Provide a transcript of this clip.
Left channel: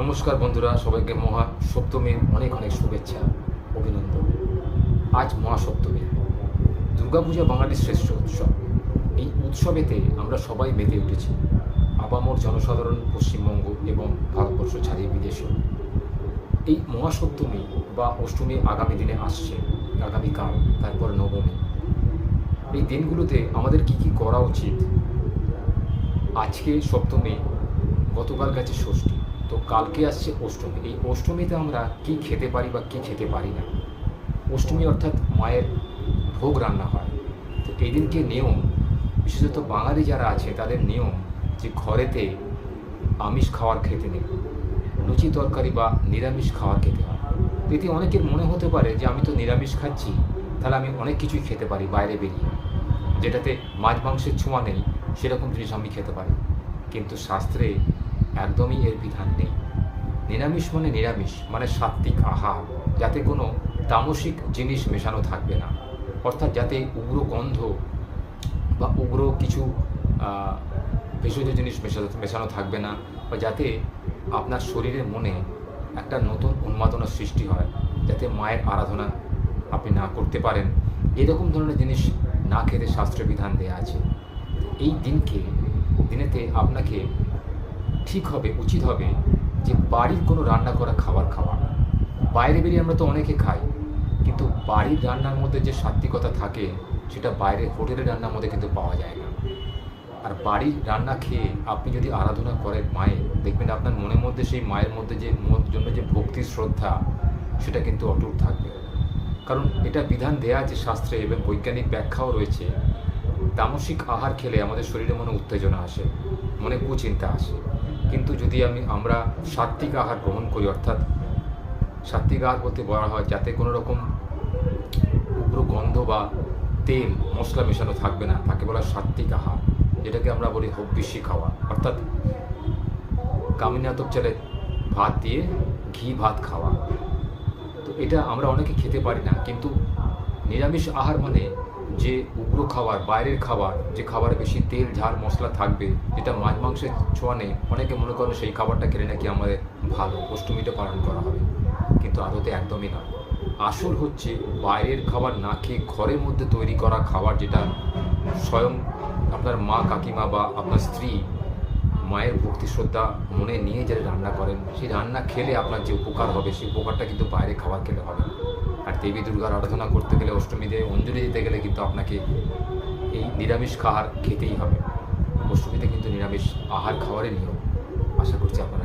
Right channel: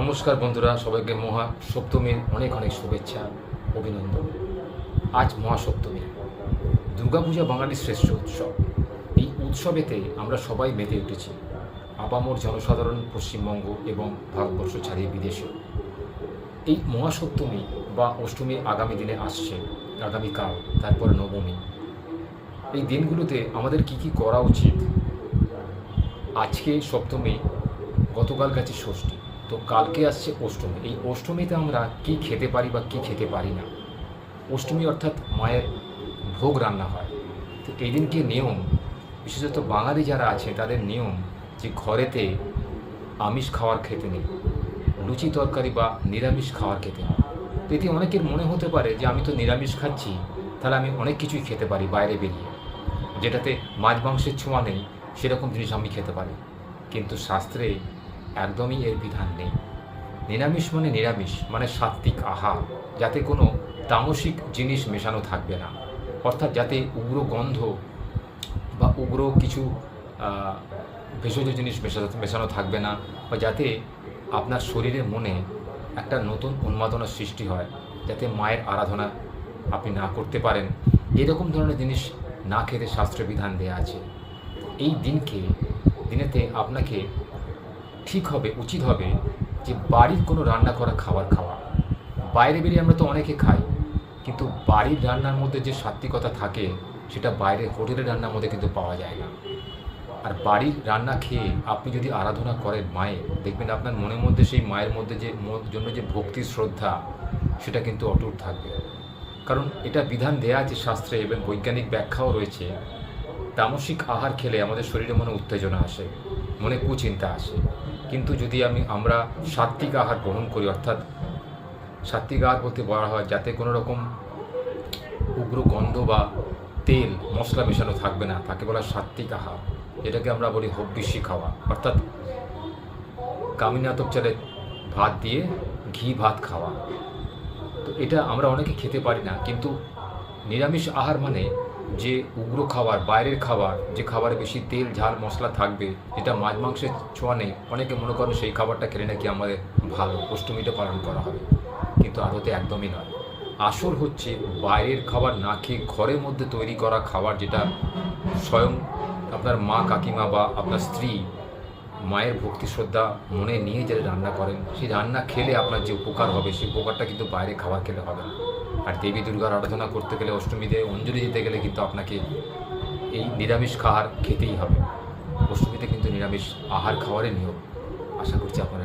নমস্কার বন্ধুরা, সবাইকে মহা সপ্তমীর অনেক অনেক শুভেচ্ছা, অভিনন্দন। আজ মহাসপ্তমী। দুর্গাপূজা বাঙালির শ্রেষ্ঠ উৎসব। এই উৎসবেতে আমরা সবাই মেতে উঠেছি, আপামর জনসাধারণ, পশ্চিমবঙ্গ এবং ভারতবর্ষ ছাড়িয়ে বিদেশেও। এই মহাসপ্তমী বা অষ্টমী আগামী দিনে আসছে, আগামীকাল, তারপর নবমী। এই দিনগুলোতে আমাদের কি কি করা উচিত? আজকে সপ্তমী, গতকাল গেছে ষষ্ঠী, তো কালকে আসছে অষ্টমী। এই অষ্টমীতে আমরা কি খেতে পারি বা কি খেতে পারি না। অষ্টমী অর্থাৎ মায়ের ভোগ রান্না হয়। তো এই দিনকে নিয়ম, বিশেষত বাঙালি যারা আছে তাদের নিয়ম যে ঘরেতে আমিষ খাওয়ার খেতে নেই, লুচি তরকারি বা নিরামিষ খাওয়ার খেতে হয়। তো এতে অনেকের মনে হতে পারে যে আমি তো নিরামিষ খাচ্ছি, তাহলে আমি অনেক কিছুই খেতে পারি বাইরে বেরিয়ে, যেটাতে মাছ মাংসের ছোঁয়া নেই সেরকম জিনিস আমি খেতে পারি। কিন্তু শাস্ত্রে একদমই এর বিধান নেই। নিরামিষ মানে নিরামিষ, মানে সাত্ত্বিক আহার, যাতে কোনো তামসিক জিনিস মেশানো থাকবে না, অর্থাৎ যাতে উগ্র গন্ধ বা উগ্র কিছু ভেষজ জিনিস মেশানো থাকবে না, বা যাতে আপনার শরীরের মনে একটা নতুন উন্মাদনার সৃষ্টি হয়, যাতে মায়ের আরাধনা আপনি না করতে পারেন, এরকম ধরনের জিনিস না খেতে শাস্ত্রে বিধান দেওয়া আছে। এই দিনেতে আপনাকে ঠিক হবে, উচিত হবে যে বাড়ির কোনো রান্না করা খাবার খাওয়া। বাইরে বেরিয়ে আমরা তো অনেকে খাই, কিন্তু বাড়ির রান্নার মধ্যে যে সাত্ত্বিকতা থাকে সেটা বাইরে হোটেলের রান্নার মধ্যে কিন্তু পাওয়া যায় না। আর বাড়ির রান্না খেয়ে আপনি যদি আরাধনা করেন মায়ের, দেখবেন আপনার মনের মধ্যে সেই মায়ের মধ্যে যে জন্য যে ভক্তি শ্রদ্ধা, সেটা কিন্তু অটুট থাকবে। কারণ এটা বিধান দেয়া আছে শাস্ত্রে, এবং বৈজ্ঞানিক ব্যাখ্যাও রয়েছে। তামসিক আহার খেলে আমাদের শরীরে মনে উত্তেজনা আসে, মনে কুচিন্তা আসে। কিন্তু যদি আমরা সাত্ত্বিক আহার গ্রহণ করি, অর্থাৎ সাত্ত্বিক আহার বলতে বলা হয় যাতে কোনো রকম উগ্র গন্ধ বা তেল মশলা মেশানো থাকবে না, তাকে বলা সাত্ত্বিক আহার। যেটাকে আমরা বলি হব্বিষি খাওয়া, অর্থাৎ কামিনাতপ চালে ভাত দিয়ে ঘি ভাত খাওয়া। তো এটা আমরা অনেকে খেতে পারি না। কিন্তু নিরামিষ আহার মানে যে উগ্র খাবার, বাইরের খাবার, যে খাবারে বেশি তেল ঝাল মশলা থাকবে, যেটা মাছ মাংসের ছোঁয়া নেই, অনেকে মনে করেন সেই খাবারটা খেলে নাকি আমাদের ভালো, অষ্টমীটা পালন করা হবে। কিন্তু আদতে একদমই নয়। আসল হচ্ছে বাইরের খাবার না খেয়ে ঘরের মধ্যে তৈরি করা খাবার, যেটা স্বয়ং আপনার মা, কাকিমা বা আপনার স্ত্রী মায়ের ভক্তি শ্রদ্ধা মনে নিয়ে যারা রান্না করেন, সেই রান্না খেলে আপনার যে উপকার হবে, সেই উপকারটা কিন্তু বাইরে খাবার খেলে হবে না। আর দেবী দুর্গার আরাধনা করতে গেলে, অষ্টমীতে অঞ্জলি দিতে গেলে কিন্তু আপনাকে এই নিরামিষ খাবার খেতেই হবে। অষ্টমীতে কিন্তু নিরামিষ আহার খাওয়ারই নিয়ম। আশা করছি আপনারা